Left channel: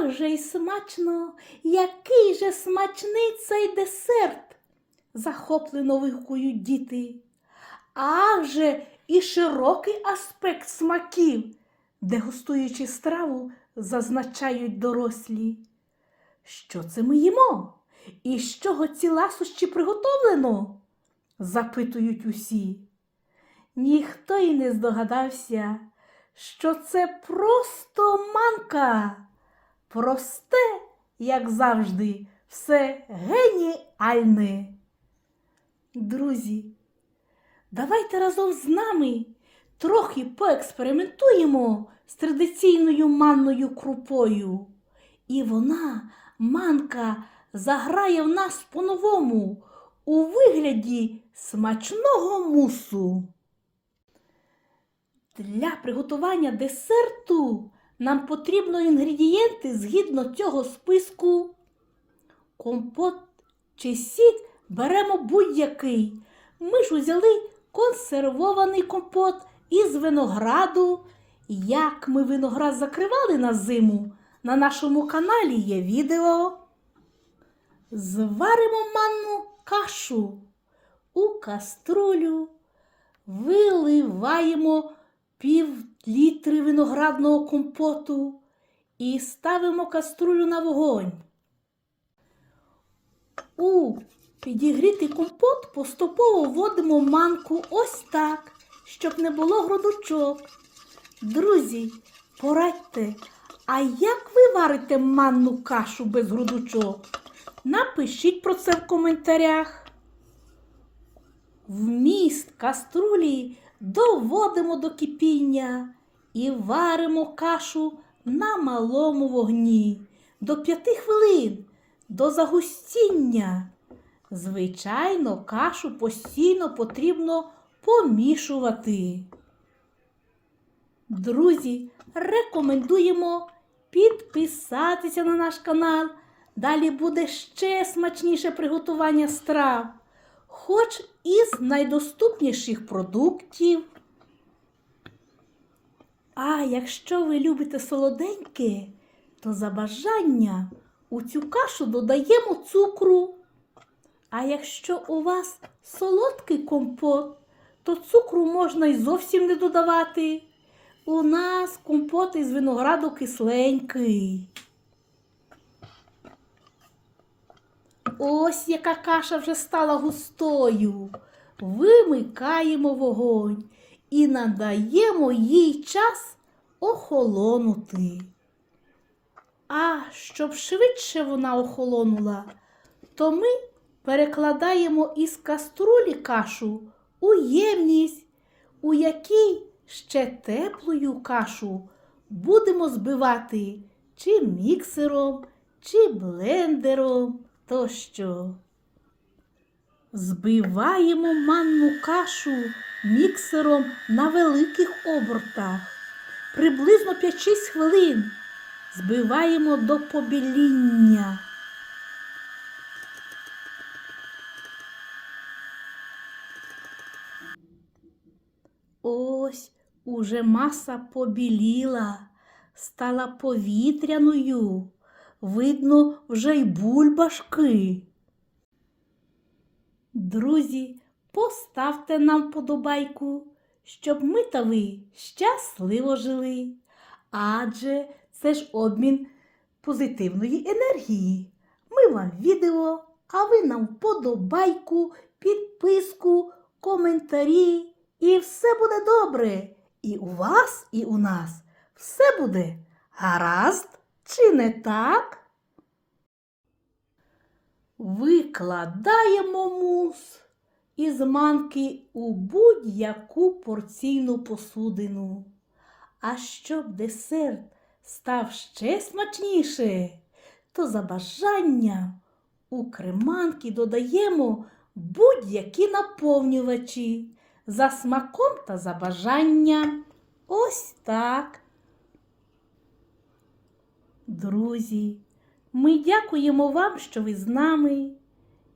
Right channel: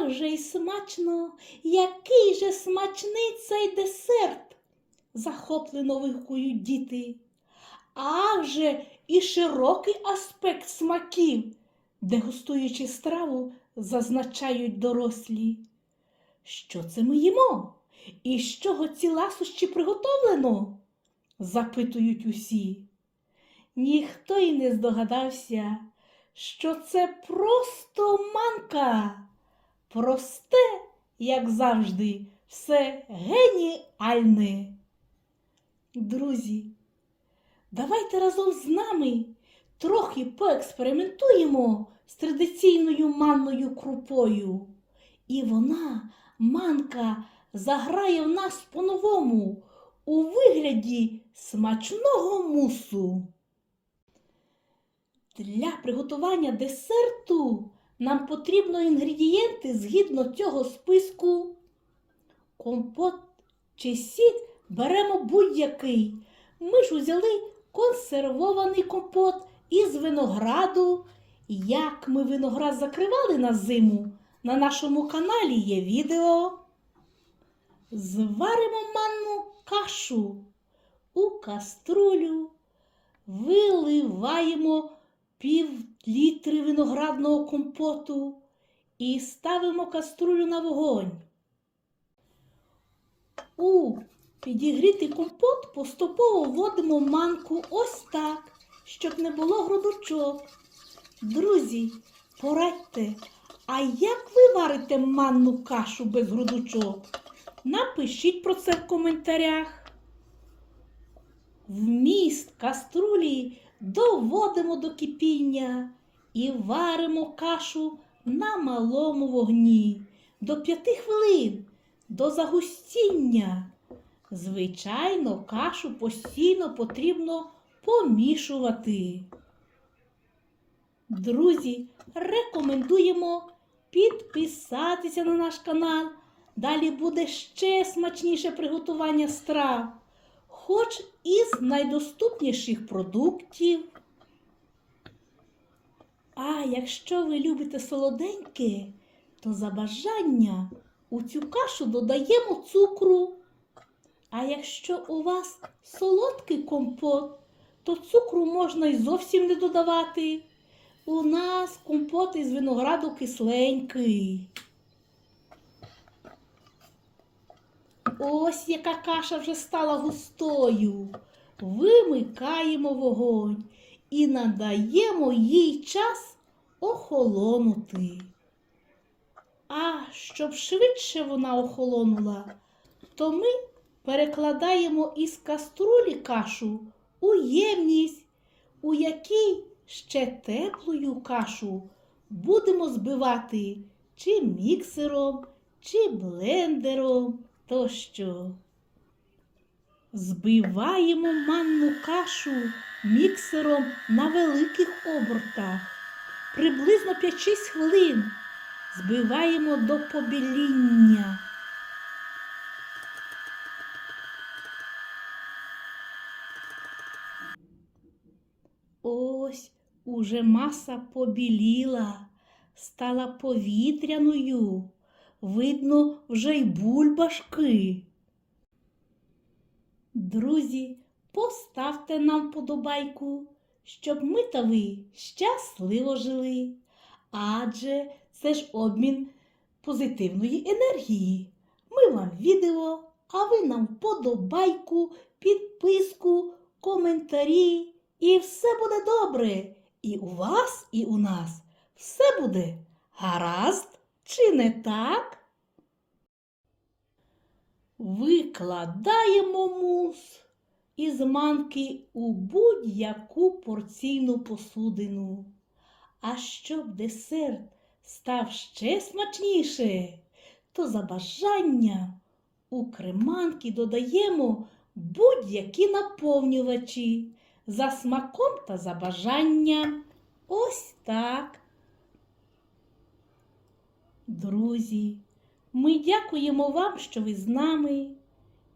Ах же й смачно, який же смачний цей десерт, захоплено вигукують діти. Ах же і широкий аспект смаків, дегустуючи страву, зазначають дорослі. Що це ми їмо? І з чого ці ласощі приготовлено? запитують усі. Ніхто й не здогадався, що це просто манка. Просте, як завжди, все геніальне. Друзі, давайте разом з нами трохи поекспериментуємо з традиційною манною крупою. І вона, манка, заграє в нас по-новому у вигляді смачного мусу. Для приготування десерту нам потрібно інгредієнти згідно цього списку. Компот чи сік беремо будь-який. Ми ж узяли консервований компот із винограду. Як ми виноград закривали на зиму, на нашому каналі є відео. Зваримо манну кашу у каструлю, виливаємо пів літри виноградного компоту і ставимо каструлю на вогонь. У підігрітий компот поступово вводимо манку ось так, щоб не було грудочок. Друзі, порадьте, а як ви варите манну кашу без грудочок? Напишіть про це в коментарях. Вміст каструлі доводимо до кипіння і варимо кашу на малому вогні до 5 хвилин до загустіння. Звичайно, кашу постійно потрібно помішувати. Друзі, рекомендуємо підписатися на наш канал. Далі буде ще смачніше приготування страв, хоч із найдоступніших продуктів. А якщо ви любите солоденьке, то за бажання у цю кашу додаємо цукру. А якщо у вас солодкий компот, то цукру можна й зовсім не додавати. У нас компот із винограду кисленький. Ось яка каша вже стала густою. Вимикаємо вогонь і надаємо їй час охолонути. А щоб швидше вона охолонула, то ми перекладаємо із каструлі кашу у ємність, у якій ще теплою кашу будемо збивати чи міксером, чи блендером тощо. Збиваємо манну кашу міксером на великих обертах. Приблизно 5-6 хвилин збиваємо до побіління. Ось уже маса побіліла, стала повітряною. Видно вже й бульбашки. Друзі, поставте нам подобайку, щоб ми та ви щасливо жили. Адже це ж обмін позитивної енергії. Ми вам відео, а ви нам подобайку, підписку, коментарі. І все буде добре. І у вас, і у нас все буде гаразд, чи не так? Викладаємо мус із манки у будь-яку порційну посудину. А щоб десерт став ще смачніше, то за бажанням у креманки додаємо будь-які наповнювачі за смаком та за бажанням. Ось так. Друзі, ми дякуємо вам, що ви з нами.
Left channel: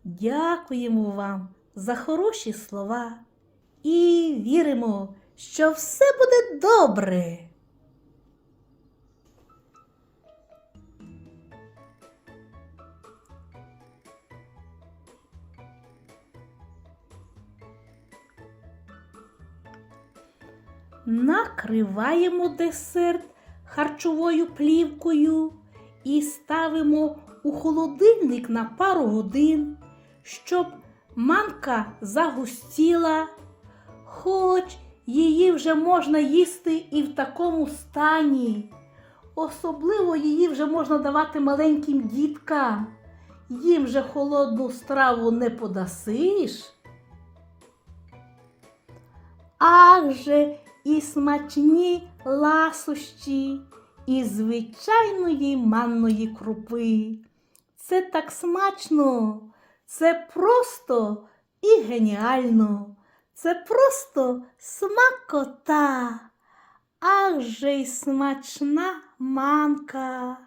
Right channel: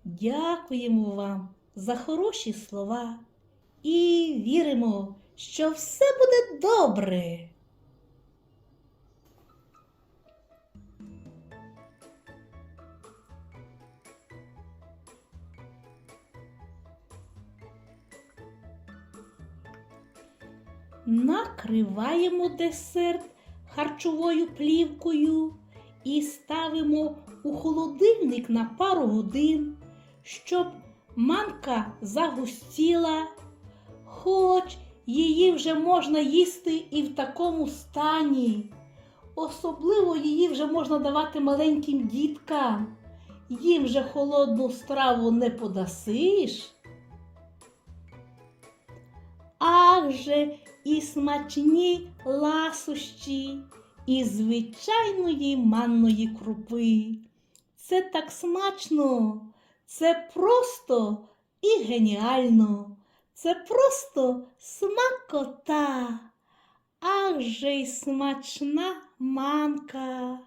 Дякуємо вам за хороші слова і віримо, що все буде добре. Накриваємо десерт харчовою плівкою і ставимо у холодильник на пару годин, щоб манка загустіла, хоч її вже можна їсти і в такому стані. Особливо її вже можна давати маленьким діткам. Їм же холодну страву не подасиш. Ах же і смачні ласощі і звичайної манної крупи. Це так смачно, це просто і геніально, це просто смакота. аж же й смачна манка.